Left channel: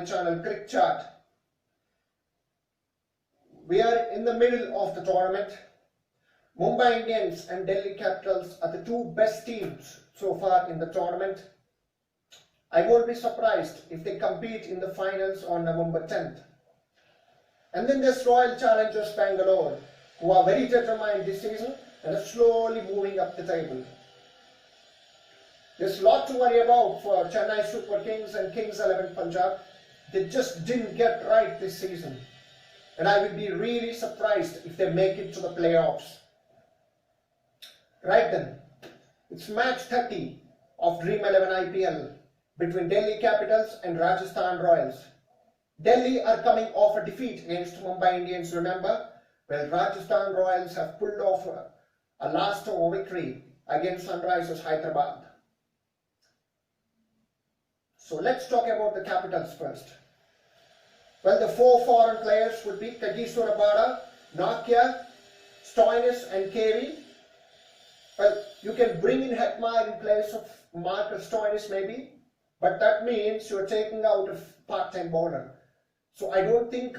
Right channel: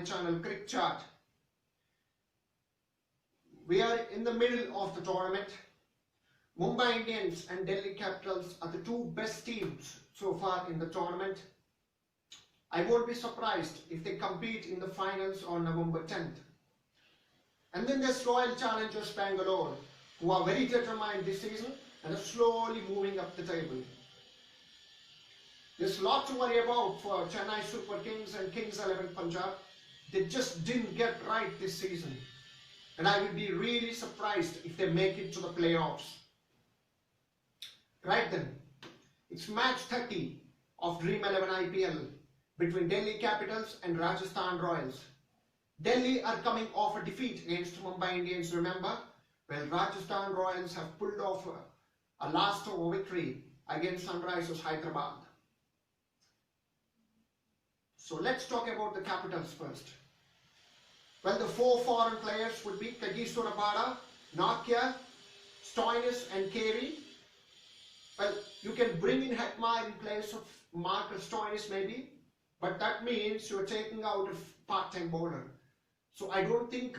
my channel Cricket Chart. We are in the middle of the tournament. Mumbai Indians and Delhi Capitals are the two best teams so far in the tournament. I won't be surprised if they compete in the finals on November 10th. And then there's Royal Challengers Bangalore, who are very determined this season and are slowly moving up the table. There's a lot to worry about for Chennai Super Kings and Kings 11 Punjab. They just didn't get right this season. And I would be really surprised if they make it to the playoffs. Right then, it's match 30 of Dream 11 IPL between Delhi Capitals and Rajasthan Royals. Delhi are coming off a defeat against Mumbai Indians, remember? Well, Rajasthan Royals have pulled off a last over victory against Sunrisers Hyderabad. So let's talk about the Capitals first. Well, the four foreign players would be Kagiso Rabada, Nakia, Stoinis and Carey. Well, you can bring in Hetmar in place of Marcus Stoinis maybe, but that means you're taking out a part-time bowler. So I don't think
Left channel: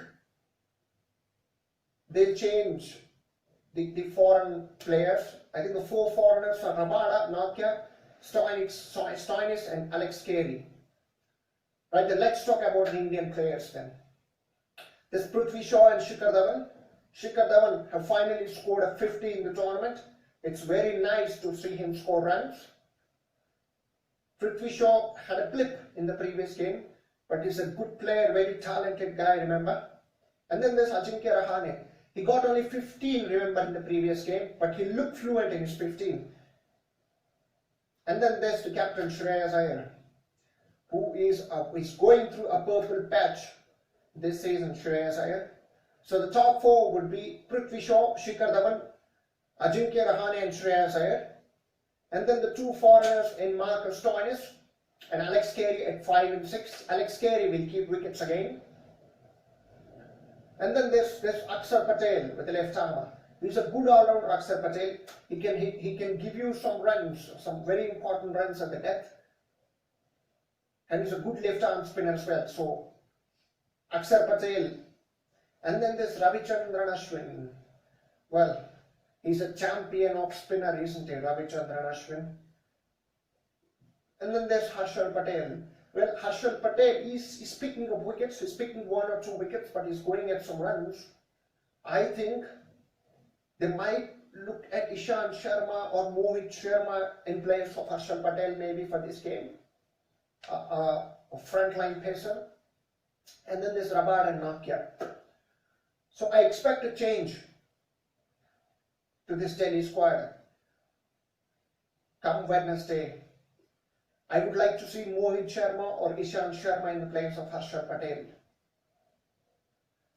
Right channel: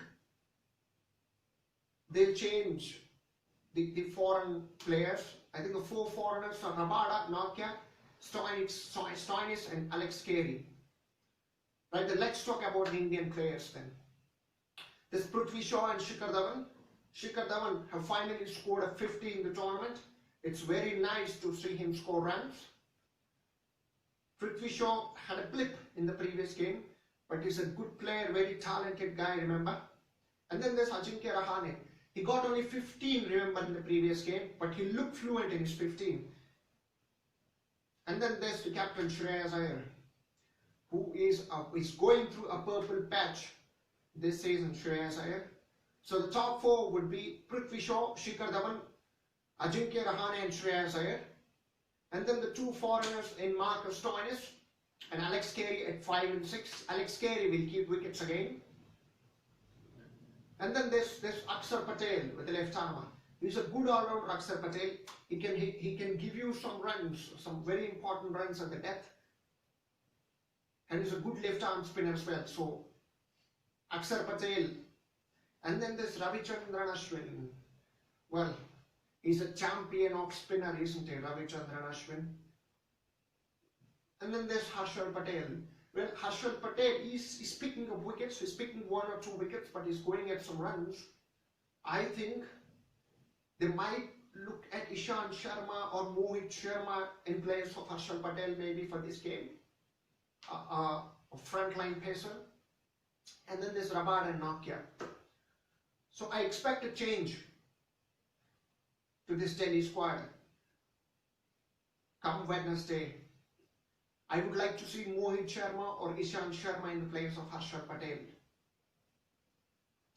they'll change the foreign players. I think the four foreigners are Rabada, Nakia, Stoinis and Alex Carey. Right, then let's talk about the Indian players then. There's Prithvi Shaw and Shikhar Dhawan. Shikhar Dhawan have finally scored a 50 in the tournament. It's very nice to see him score runs. Prithvi Shaw had a blip in the previous game, but he's a good player, very talented guy, remember. And then there's Ajinkya Rahane. He got only 15, remember, in the previous game, but he looked fluent in his 15. And then there's the captain Shreyas Iyer, who is going through a purple patch this season, Shreyas Iyer. So the top four would be Prithvi Shaw, Shikhar Dhawan, Ajinkya Rahane and Shreyas Iyer. And then the two foreigners in Marcus Stoinis and Alex Carey at 5 and 6. Alex Carey will keep wickets again. And then there's Akshar Patel with the left armer. He's a good all-rounder, Akshar Patel. He can give you some runs, some very important runs at the death. And he's a good left-arm spinner as well. So Akshar Patel. And then there's Ravichandran Ashwin. Well, he's a champion of spinner, isn't he, Ravichandran Ashwin? And then there's Harshal Patel. Well, Harshal Patel is picking up wickets. He's picking 1 or 2 wickets, but he's going at some runs. I think they might look at Ishant Sharma or Mohit Sharma in place of Harshal Patel maybe for this game. A frontline pacer. And then there's Rabada and Nakia. So I expect a change to this Delhi squad come Wednesday. I would like to see Mohit Sharma or Ishant Sharma in the place of Harshal Patel.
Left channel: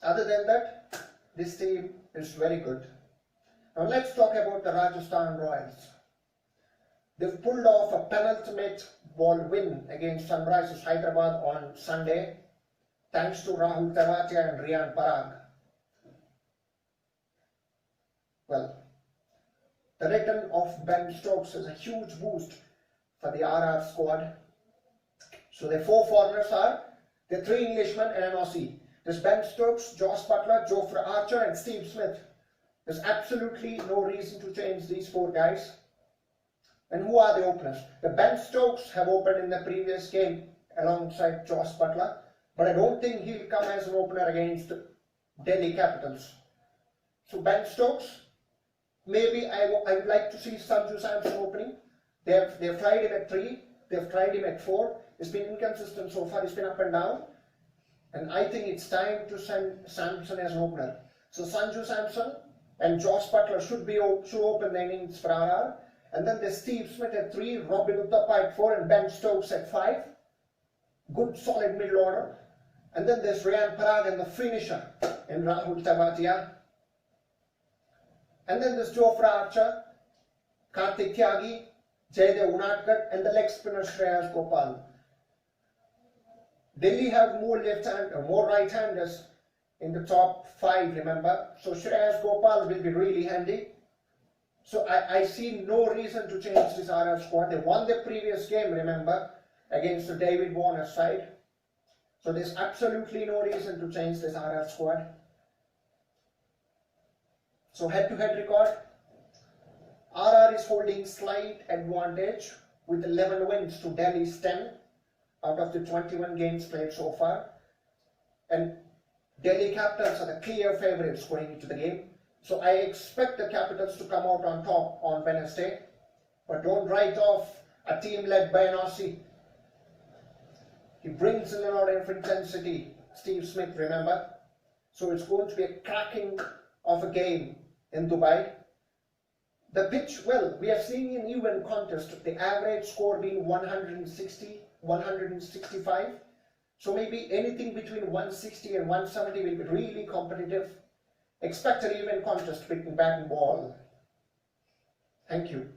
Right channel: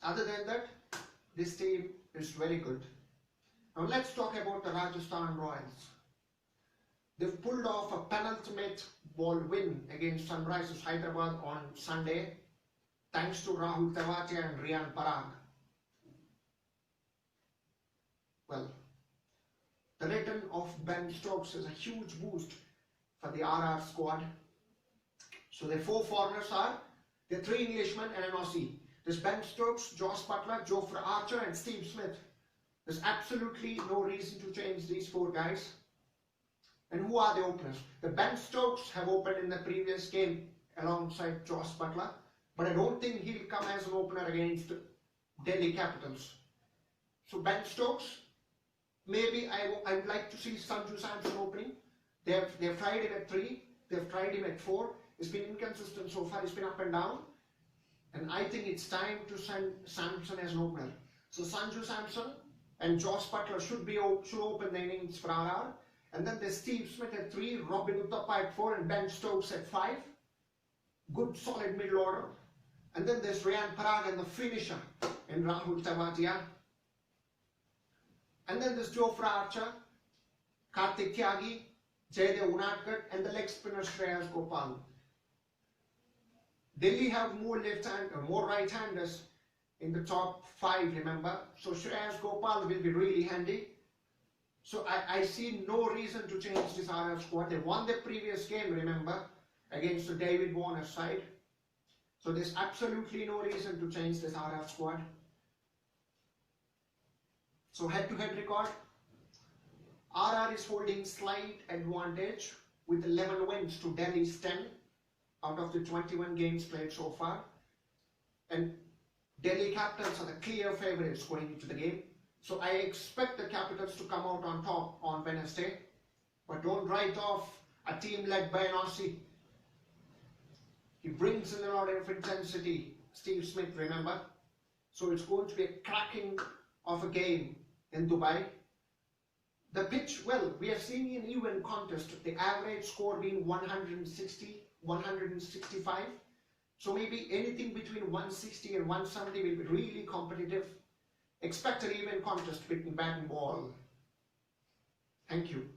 Other than that, this team is very good. Now let's talk about the Rajasthan Royals. They've pulled off a penultimate ball win against Sunrisers Hyderabad on Sunday, thanks to Rahul Tewatia and Riyan Parag. Well, the return of Ben Stokes is a huge boost for the RR squad. So the four foreigners are the 3 Englishmen and an Aussie. There's Ben Stokes, Josh Butler, Jofra Archer and Steve Smith. There's absolutely no reason to change these 4 guys. And who are the openers? The Ben Stokes have opened in the previous game alongside Josh Butler, but I don't think he'll come as an opener against Delhi Capitals. So Ben Stokes, maybe I would like to see Sanju Samson opening. They've tried him at 3, they've tried him at 4. It's been inconsistent so far, it's been up and down. And I think it's time to send Samson as an opener. So Sanju Samson and Josh Butler should open the innings for RR. And then there's Steve Smith at 3, Robin Uthappa at 4 and Ben Stokes at 5. Good solid middle order. And then there's Riyan Parag and the finisher in Rahul Tewatia. And then there's Jofra Archer, Karthik Tyagi, Jaydev Unadkat and the leg spinner Shreyas Gopal. Delhi have more right-handers in the top 5, remember. So Shreyas Gopal will be really handy. So I see no reason to change this RR squad. They won the previous game, remember, against the David Warner side. So there's absolutely no reason to change this RR squad. So head-to-head record, RR is holding slight advantage with 11 wins to Delhi's 10 out of the 21 games played so far. And Delhi Capitals are the clear favourites going into the game. So I expect the Capitals to come out on top on Wednesday. But don't write off a team led by an Aussie. He brings in a lot of intensity, Steve Smith, remember? So it's going to be a cracking of a game in Dubai. The pitch, well, we are seeing an even contest, the average score being 160, 165. So maybe anything between 160 and 170 will be really competitive. Expect an even contest between bat and ball. Thank you.